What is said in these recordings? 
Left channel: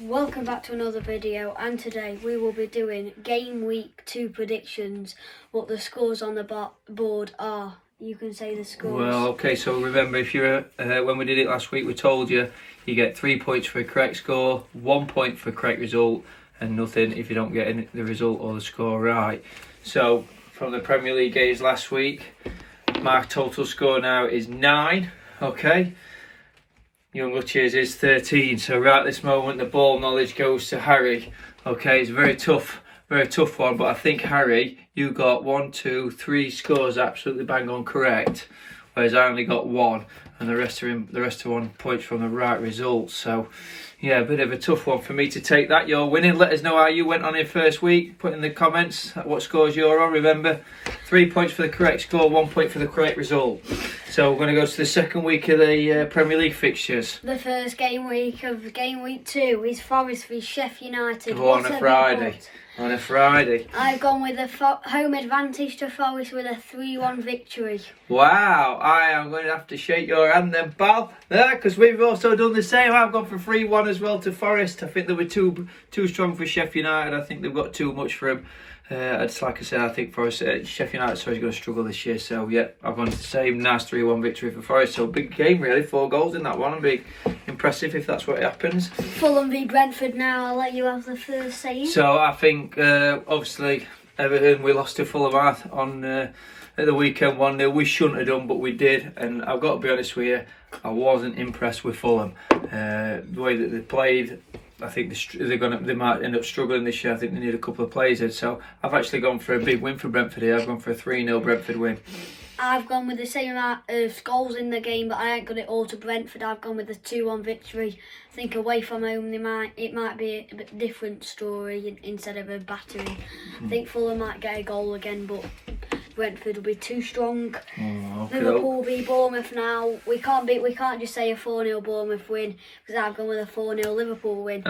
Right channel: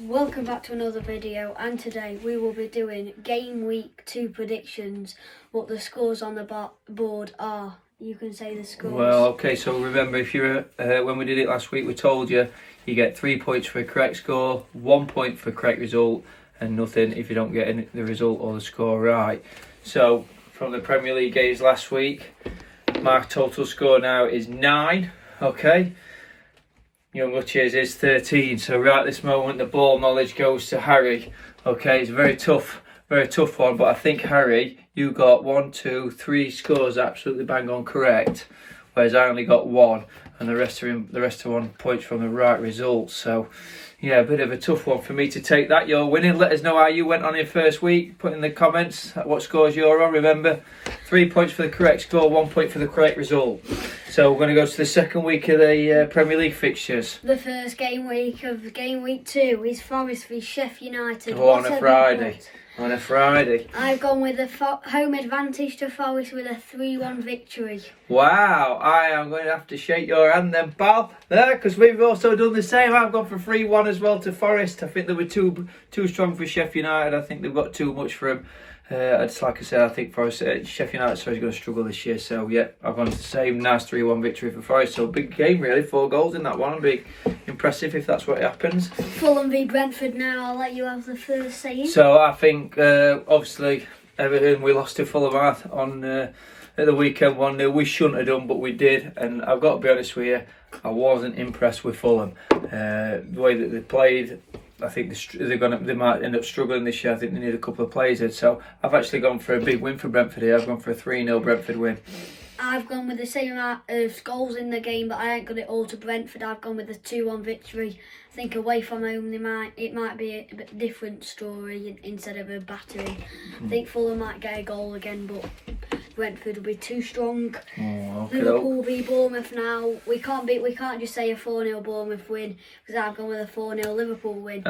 welcome back to another video, and today we will be doing game week 2 predictions. What the scores on the board are. You can say the scores. Well, okay, so remember, if you're when we did it last week, we told you get 3 points for a correct score, 1 point for a correct result, and nothing if you don't get the result or the score right. So from the Premier League games last week, my total score now is 9. Okay, Young Luchia's is 13. So right at this moment, the ball knowledge goes to Harry. Okay, it's a very tough one, but I think, Harry, you got 1, 2, 3 scores absolutely bang on correct, whereas I only got 1, and the rest are 1 points from the right results. So yeah, a bit of a tough one for me to take that. You're winning. Let us know how you went on your first week. Put in the comments what scores you're on. Remember, 3 points for the correct score, 1 point for the correct result. So we're going to go to the second week of the Premier League fixtures. The first game week of game week 2 is Forest v Sheffield United. On a Friday. I've gone with a home advantage to Forest with a 3-1 victory. Wow, I am going to have to shake your hand then, pal. Because we've also done the same. I've gone for 3-1 as well to Forest. I think they were too strong for Sheffield United. I think they've got too much for him. It's like I said, I think Forest, Sheffield United is going to struggle this year. So yeah, I've gone to the same nice 3-1 victory for Forest. So big game really, 4 goals in that one. Big impressive if that's what happens. Fulham v Brentford now. I'll let you have the first say. So I think obviously Everton, we lost to Fulham on at the weekend 1-0. We shouldn't have done, but we did. And I've got to be honest with you, I wasn't impressed with Fulham. The way that they played, I think they might end up struggling this year. I think they need a couple of players in. So I've actually gone for a big win for Brentford here. I've gone for a 3-0 Brentford win. I've gone with the same amount of goals in the game, but I ain't got it all to Brentford. I've gone with a 2-1 victory. I think away from home it might be a bit different story instead of a battering. I think Fulham might get a goal again, but Brentford will be too strong. Liverpool v Bournemouth now. We can't just say a 4-0 Bournemouth win, because I've gone with a 4-0 Liverpool win.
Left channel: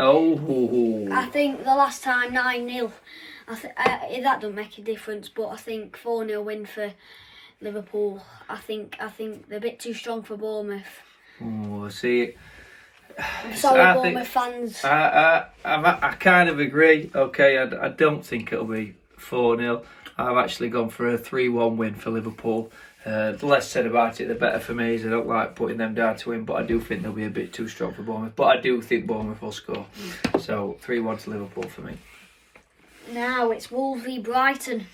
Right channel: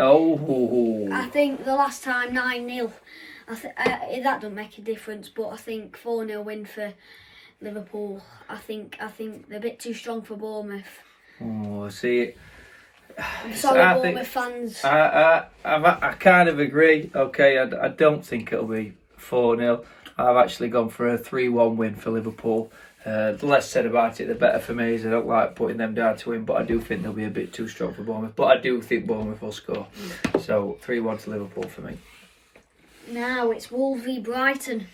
I think the last time 9-0. That don't make a difference, but I think 4-0 win for Liverpool. I think they're a bit too strong for Bournemouth. Oh, see. Sorry, Bournemouth fans. I kind of agree. Okay, I don't think it'll be 4-0. I've actually gone for a 3-1 win for Liverpool. The less said about it, the better for me, as I don't like putting them down to win, but I do think they'll be a bit too strong for Bournemouth. But I do think Bournemouth will score. So 3-1 to Liverpool for me. Now it's Wolves v Brighton.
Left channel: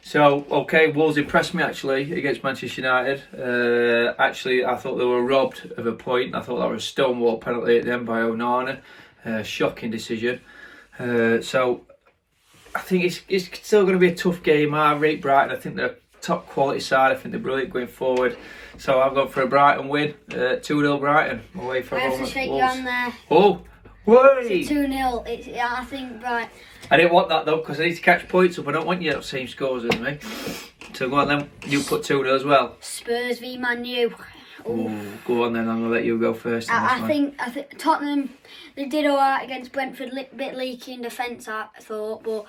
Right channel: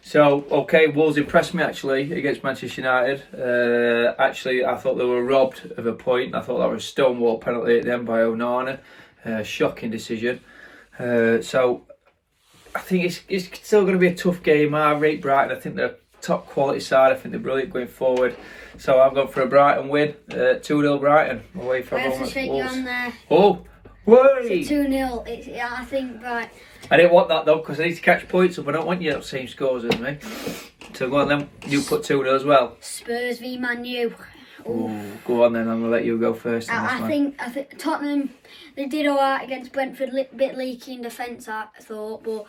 So, okay, Wolves impressed me actually against Manchester United. Actually, I thought they were robbed of a point. I thought that was a stonewall penalty at the end by Onana. Shocking decision. So, I think it's still going to be a tough game. I rate Brighton. I think they're a top quality side. I think they're brilliant going forward. So, I've gone for a Brighton win. 2-0 Brighton away from Wolves. I have to shake you on there. Oh! It's 2-0. I think right. I didn't want that though, because I need to catch points up. I don't want you to have the same scores as me. So go on then. You put 2-0 as well. Spurs v Man U. Ooh, go on then. I'm gonna let you go first. I think Tottenham, they did alright against Brentford. Bit leaky in defence, I thought, but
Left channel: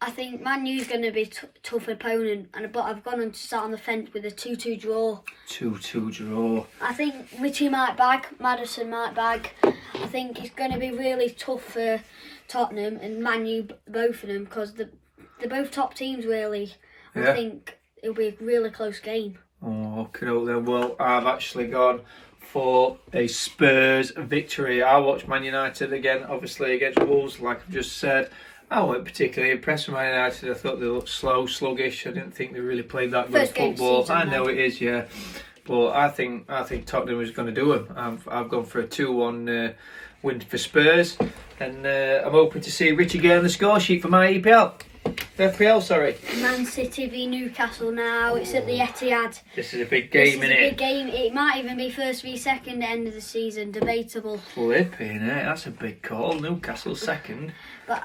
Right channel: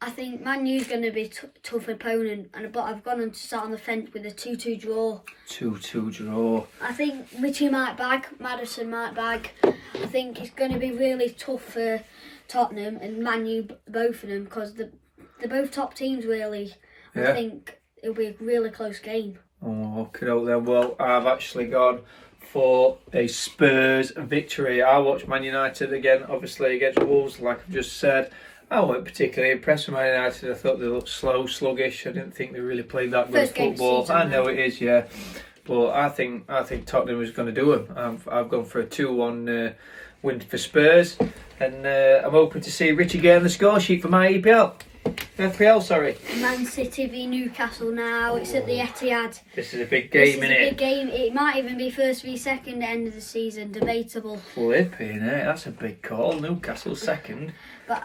I think Man U's going to be a tough opponent, but I've gone on to start on the fence with a 2-2 draw. 2-2 draw. I think Richie might bag, Maddison might bag. I think it's going to be really tough for Tottenham and Man U, both of them, because they're both top teams really. Yeah. I think it'll be a really close game. Oh, okay then. Well, I've actually gone for a Spurs victory. I watched Man United again, obviously against Wolves, like I've just said. I wasn't particularly impressed with Man United. I thought they looked slow, sluggish. I didn't think they really played that good football. I know it is, yeah. But I think Tottenham was going to do them. I've gone for a 2-1 win for Spurs. And I'm hoping to see Richie get on the score sheet for my FPL, sorry. Man City v Newcastle now. It's at the Etihad. This is a big game, isn't it? It's a big game. It might even be first v second at the end of the season. Debatable. Flipping it. That's a big call. Newcastle second. But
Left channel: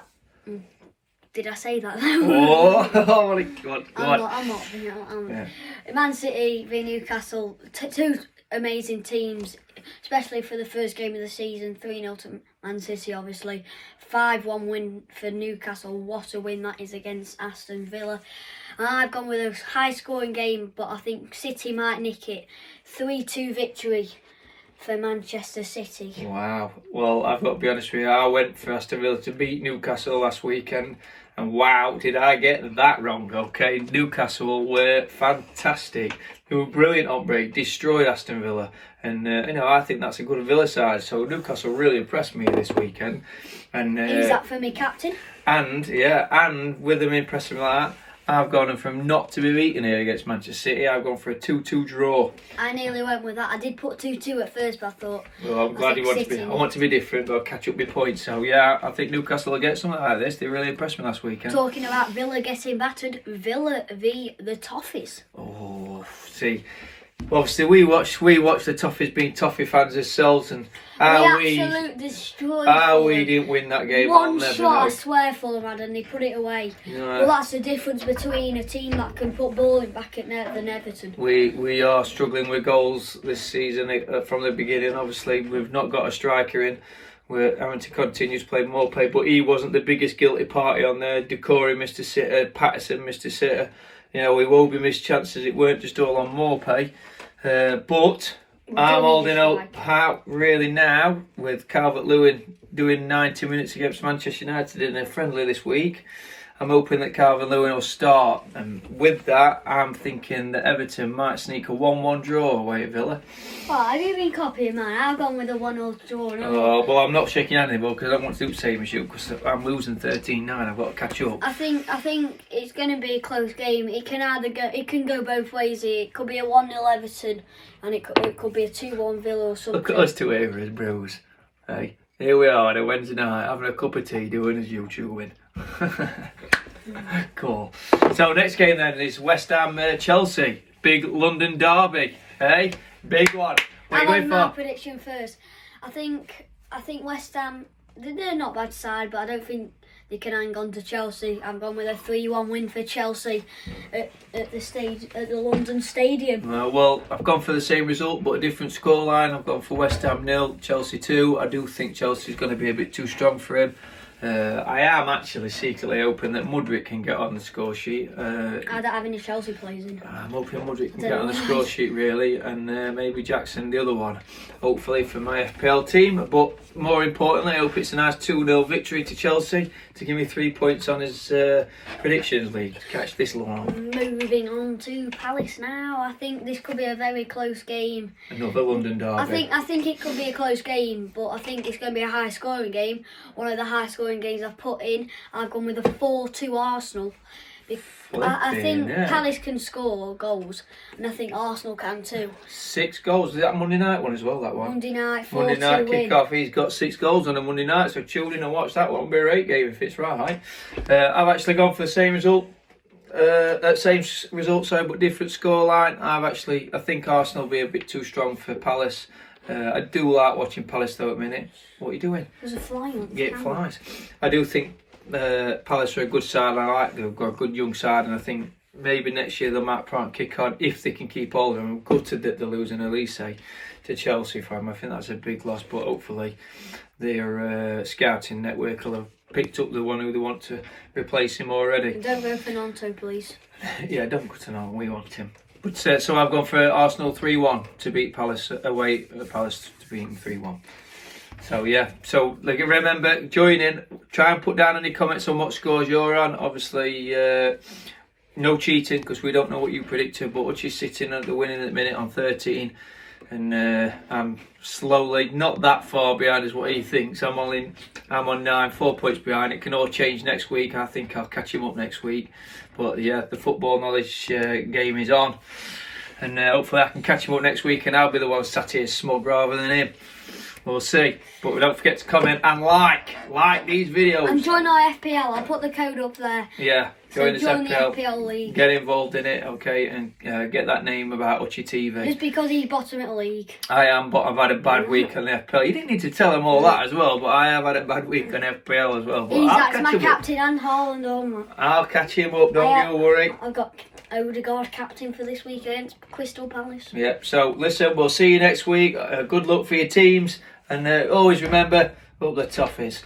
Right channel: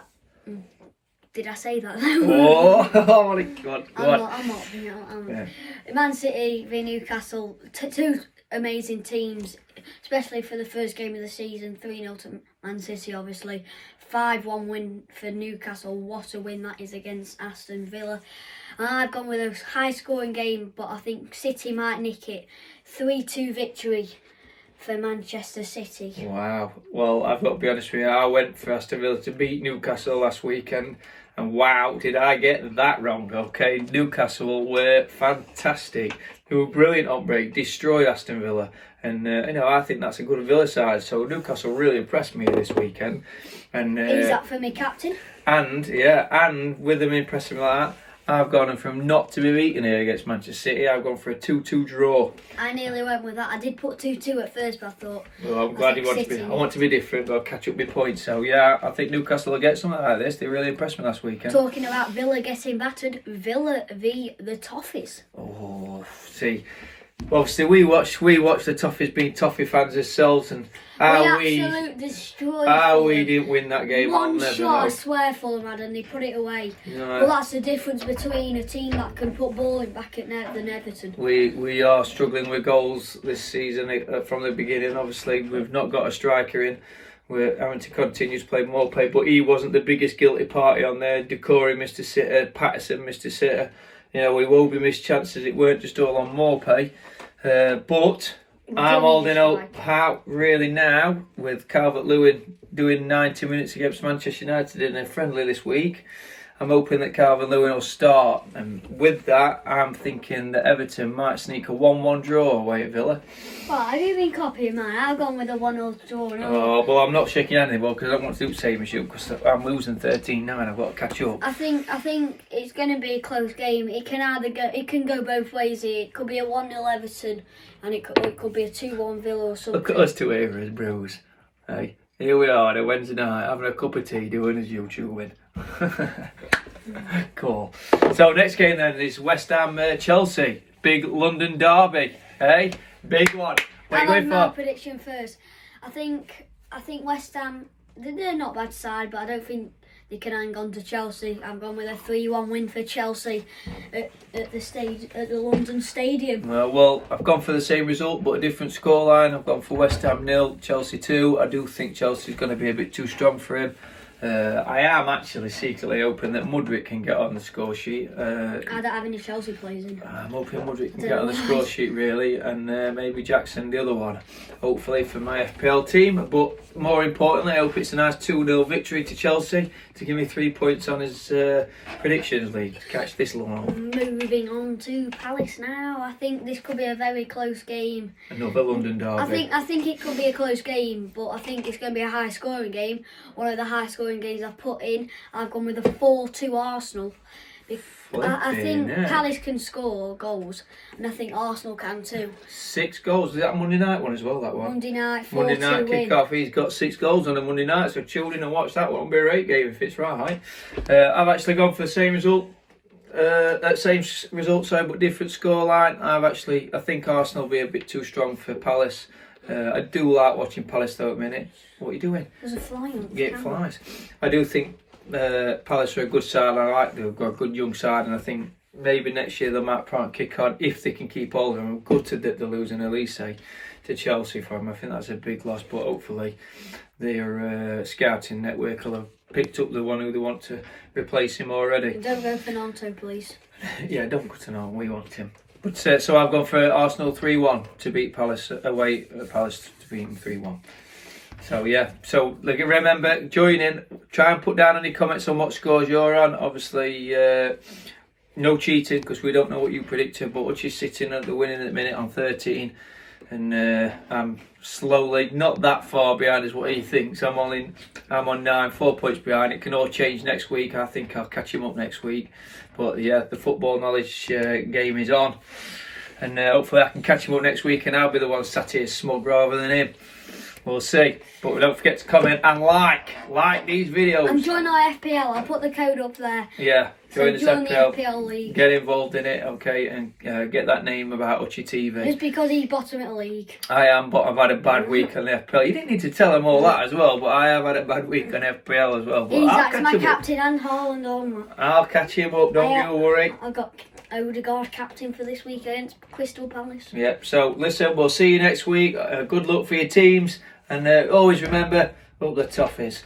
did I say that? Oh my God! I'm not. Yeah. Man City v Newcastle, two amazing teams, especially for the first game of the season. 3-0 to Man City, obviously. 5-1 win for Newcastle. What a win that is against Aston Villa. And I've gone with a high-scoring game, but I think City might nick it. 3-2 victory for Manchester City. Wow. Well, I've got to be honest with you. I went for Aston Villa to beat Newcastle last weekend. And wow, did I get that wrong, okay? Newcastle were fantastic. They were brilliant on break, destroyed Aston Villa. And, I think that's a good Villa side. So Newcastle really impressed me this weekend. And Is that for me, captain? And with them impressing like that, I've gone from not to be beaten here against Manchester City. I've gone for a 2-2 draw. I nearly went with that. I did put 2-2 at first, but I thought. Well, I'm glad you want to be. I want to be different, but I'll catch up with points. So yeah, I think Newcastle will get something like this. They really impressed me last weekend. Talking about Villa getting battered, Villa v the Toffees. Oh, see. Obviously, we watch the Toffees being Toffee fans ourselves, and we absolutely destroyed. We didn't win that game. One shot, I swear, Fulham had, and they put it away. Yeah. Well, that's the difference between a team that can put ball back at than Everton. We are struggling with goals this season from the beginning. Obviously, we've not got a striker in. We're having to continue to play more play, but he wasn't the biggest guilty party on there. Decore missed a sitter, Patterson missed a sitter. We will be missed chances. It weren't just all on Morpay. But I'm holding out really now with Calvert-Lewin doing 90 minutes against Manchester United in a friendly this week. I'm hoping that Calvert-Lewin will start, and with that I'm thinking that Everton might sneak a 1-1 draw away at Villa. Well, have you been copying mine? I've gone with a 1-0 draw. Oh, well, I'm not shaking hands anymore because I don't want to do the same as you, because I'm losing 13-9. I've got to catch up. I think it's going to be a close game. It can go both ways. It could be a 1-0 Everton, and it could be a 2-1 Villa or something. Look at us two here as bros. Hey, here we are on a Wednesday night having a cup of tea doing as you chewing. Cool. So next game then is West Ham Chelsea, big London derby. Hey, big one. What are you going for? My prediction first. I think West Ham, they're not a bad side, but I don't think they can hang on to Chelsea. I'm going with a 3-1 win for Chelsea at the London Stadium. Well, I've gone for the same result but a different scoreline. I've gone for West Ham 0, Chelsea 2. I do think Chelsea's going to be a bit too strong for him. I am actually secretly hoping that Mudryk can get on the score sheet. I don't have any Chelsea players in. I'm hoping Mudryk can get on the score sheet really, and maybe Jackson the other one, hopefully for my FPL team. But more importantly, I hope it's a nice 2-0 victory to Chelsea to give me 3 points on his predictions league to catch this long. Moving on to Palace now. I think this could be a very close game. Another London derby. I think it could be a close game, but I think it's going to be a high scoring game. One of the high scoring games I've put in. I've gone with a 4-2 Arsenal. I think Palace can score goals, and I think Arsenal can too. 6 goals. Is that a Monday night one as well, that one? Monday night, 4-2 Monday night win. kick-off. He's got 6 goals on a Monday night, so tune in and watch that one. It'll be a great game if it's right. I've actually gone for the same result. But different scoreline. I think Arsenal will be a bit too strong for Palace. I do like watching Palace though at the minute. What are you doing? There's a fly on the Yeah, it flies. I do think Palace are a good side. I like they've got a good young side, and I think maybe next year they might try and kick on if they can keep all of them. I'm gutted that they're losing Elise to Chelsea for him. I think that's a big loss, but hopefully their scouting network will have picked up the one who they want to replace him already. Don't go for Nanto, please. Yeah, don't go to Nanto. We want him. But so I've gone for Arsenal 3-1 to beat Palace away at Palace to beat them 3-1. So yeah, so remember, join in, try and put down any comments on what scores you're on. Obviously, no cheating because we don't know what you predicted, but Uchi's sitting at the winning at the minute on 13, and I'm slowly not that far behind as what he thinks. I'm on 9, 4 points behind. It can all change next week. I think I'll catch him up next week. But yeah, the football knowledge game is on, and hopefully I can catch him up next week, and I'll be the one sat here smug rather than him. We'll see. But don't forget to comment and like these videos. And join our FPL. I'll put the code up there. Yeah, join the FPL league. Get involved in it, okay, and get that name about Uchi TV. Just because he's bottom of the league. I am, but I've had a bad week on the FPL. You didn't need to tell them all that as well, but I have had a bad week on FPL as well. But That's my captain and Haaland on. I'll catch him up, don't you worry. I've got Odegaard captain for this week against Crystal Palace. Yep, so listen, we'll see you next week. Good luck for your teams, and always remember, up the Toffees.